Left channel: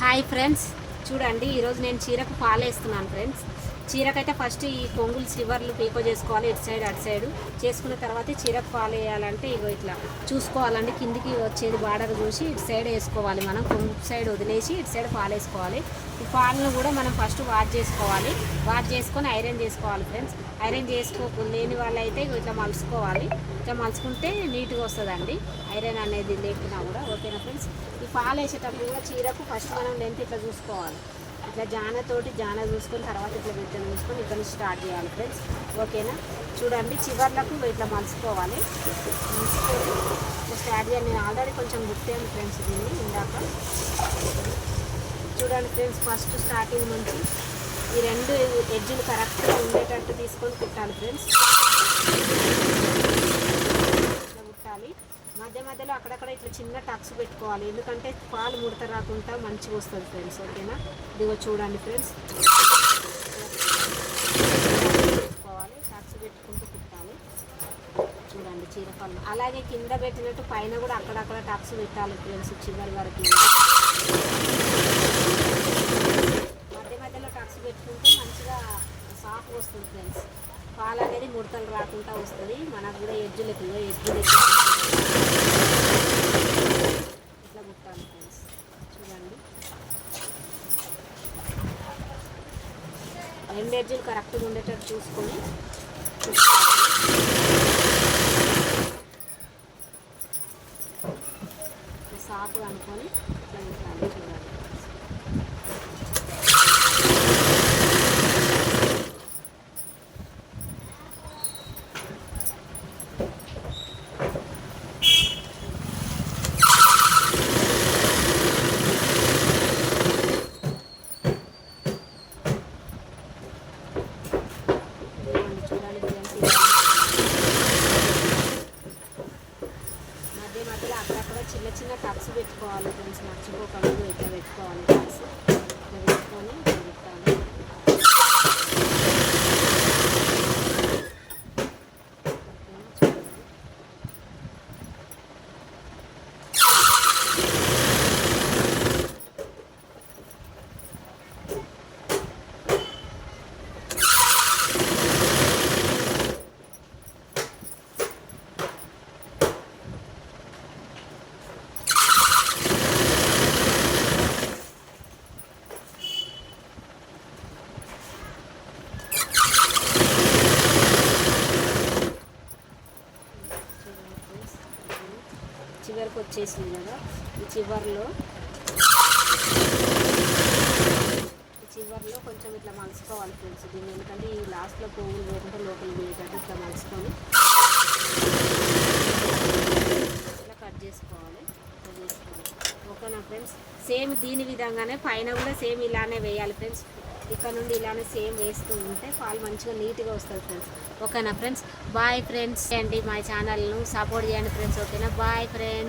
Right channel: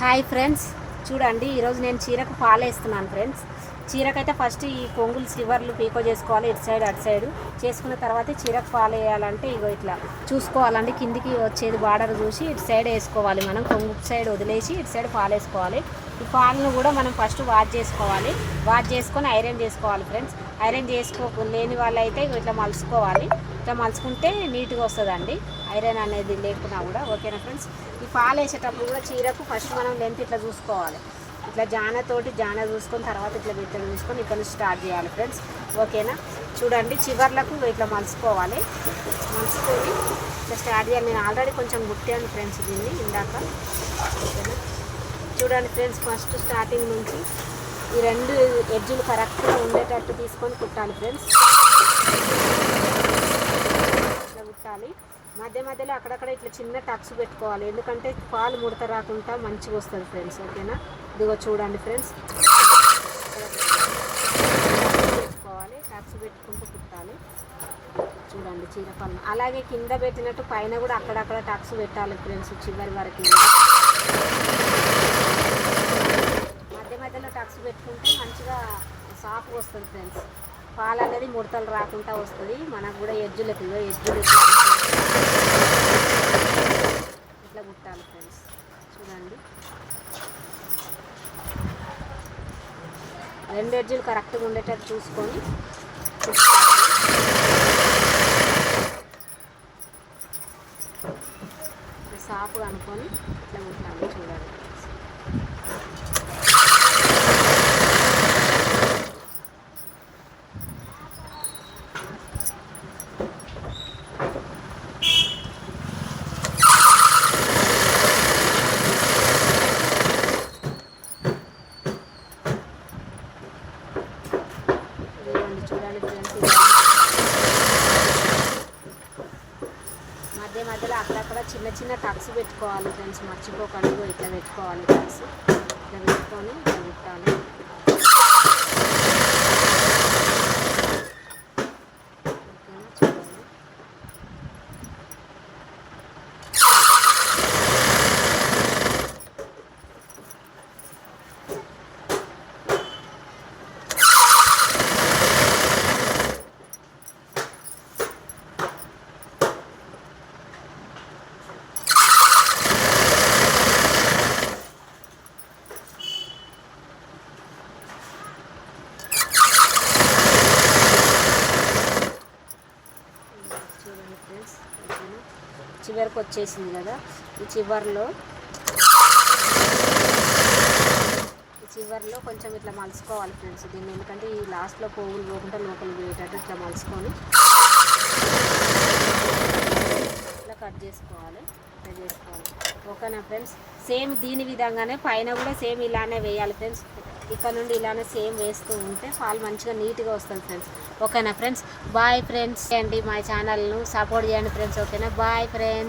Hi friends, చూడండి ఈరోజు నేను చీరకు ఫాల్ వేస్తున్నాను ఫ్రెండ్స్. చీరకైతే ఫస్ట్ ఈ కొంగులు స్లివర్లు పీకో చేసుకోవాలి, ఇటు సైడ్ అటు సైడ్ చేసుకున్న తర్వాత చీరకు ఫాల్ వేయాలంటే ఇగో ఇట్లా చూసుకోవాలండి. కిందికి వచ్చేది బార్డర్ చూసి ఇటు సైడ్ వేసుకోవాలి. మనం కొంగు సైడ్ వదిలేసి ఇటు సైడ్ ఫాల్ వేసుకోవాలి. ఈ ఫాల్ను కూడా మనం ఫస్ట్ వాష్ చేసుకోవాలి. వాష్ చేసుకొని ఐరన్ చేసుకోవాలి ఫ్రెండ్స్. ఐరన్ లేని వాళ్ళు అయితే ఇట్లా మలుచుకోవాలి. ఇట్లా మలుచుకుంటే నీట్గా వస్తుందండి, ఐరన్ అనేది లేకున్నా కూడా. ఓకేనా ఫ్రెండ్స్, ఈ ఫాల్ వేసేటప్పుడు కూడా చీరకు ఫస్ట్ మనం లెంత్ ఇట్లా చూసుకోవాలి. ఇట్లా జాన చూసుకొని తర్వాత ఇట్లా బిత్తలు చూసుకొని ఇక్కడ నుంచి స్టార్ట్ చేయాలి ఫ్రెండ్స్. ఓకేనా, చూడండి చివర్లకు ఇట్లా మలుచుకోవాలి. మలుచుకొని ఇట్లా స్టార్ట్ చేయాలి. నేను ఆల్రెడీ కొంచెం గుట్టాను ఫ్రెండ్స్ దీన్ని ఇందాక. చూడండి ఫ్రెండ్స్, ఫస్ట్ స్టార్టింగ్ నుంచి ఈ రెండు ఎడ్జులు కరెక్ట్గా ఉండేటట్టు తీసుకొని కుట్టాలి ఫ్రెండ్స్. ఇట్లా కుట్టాలి. మధ్య మధ్యలో అక్కడక్కడ ఇట్లా చిన్న టక్స్ పెట్టుకోవాలి, ఎందుకంటే పాలు ముడత రాకుండా మంచిగా వస్తుంది ఫ్రెండ్స్. ఓకేనా, ఇదిగో చూడండి ఫ్రెండ్స్, పెట్టుకోవాలి. టక్స్ పెట్టుకుంటూ కుట్టాలి. చూడండి చీర పళ్ళు అలాగే కింద పెట్టినట్టు పైన కూడా అక్కడక్కడ టక్స్ పెట్టాలి ఫ్రెండ్స్, చివరి వరకు. మధ్య మధ్యలో టక్స్ పెట్టుకుంటే మంచిగా సాఫ్గా వస్తుంది ఫ్రెండ్స్. పాలు అనేది ముడతలు రాకుండా వస్తుంది. మనకు కూడా ఎడ్జులకి ఇట్లా కుట్టాలి ఫ్రెండ్స్. చూడండి, రెండు ఎడ్జులు కరెక్ట్గా ఉండేటట్టు చూసుకొని సాఫ్గా అనుకొని ఇట్లా కుట్టాలి. చూడండి, మధ్య మధ్యలో అక్కడక్కడ చిన్న చిన్న టక్స్ పెట్టుకోవాలి ఫ్రెండ్స్, మర్చిపోకండి. ఇట్లా పెట్టుకోవాలి టక్స్. ఇట్లా పెట్టుకొని ఇట్లా కుట్టాలి. చివరికి వచ్చేసింది కదా, ఈ చివర్లో కొంచెం ఇట్లా మలుచుకోవాలి ఫ్రెండ్స్ దీన్ని, ఎందుకంటే ఈ లాస్ట్లో పోగులు పోకుండా లోపలికి పోయేటట్టు ఇట్లా మలుచుకొని ఇట్లా కట్ చేసుకోవాలి. ఓకేనా ఫ్రెండ్స్, సేమ్ దీని విధంగానే పైన కూడా సేమ్ ఇలానే వేయాలి ఫ్రెండ్స్. ఇక్కడ నుండి ఇలానే సేమ్ వేస్తూ ఉంటే పాలు మంచిగా నీట్గా వస్తుంది ఫ్రెండ్స్. ఓకేనా ఫ్రెండ్స్, బాయ్ ఫ్రెండ్స్. అండి మా ఛానల్ను సపోర్ట్ చేయండి ఫ్రెండ్స్. ఓకేనా, బాయ్ ఫ్రెండ్స్.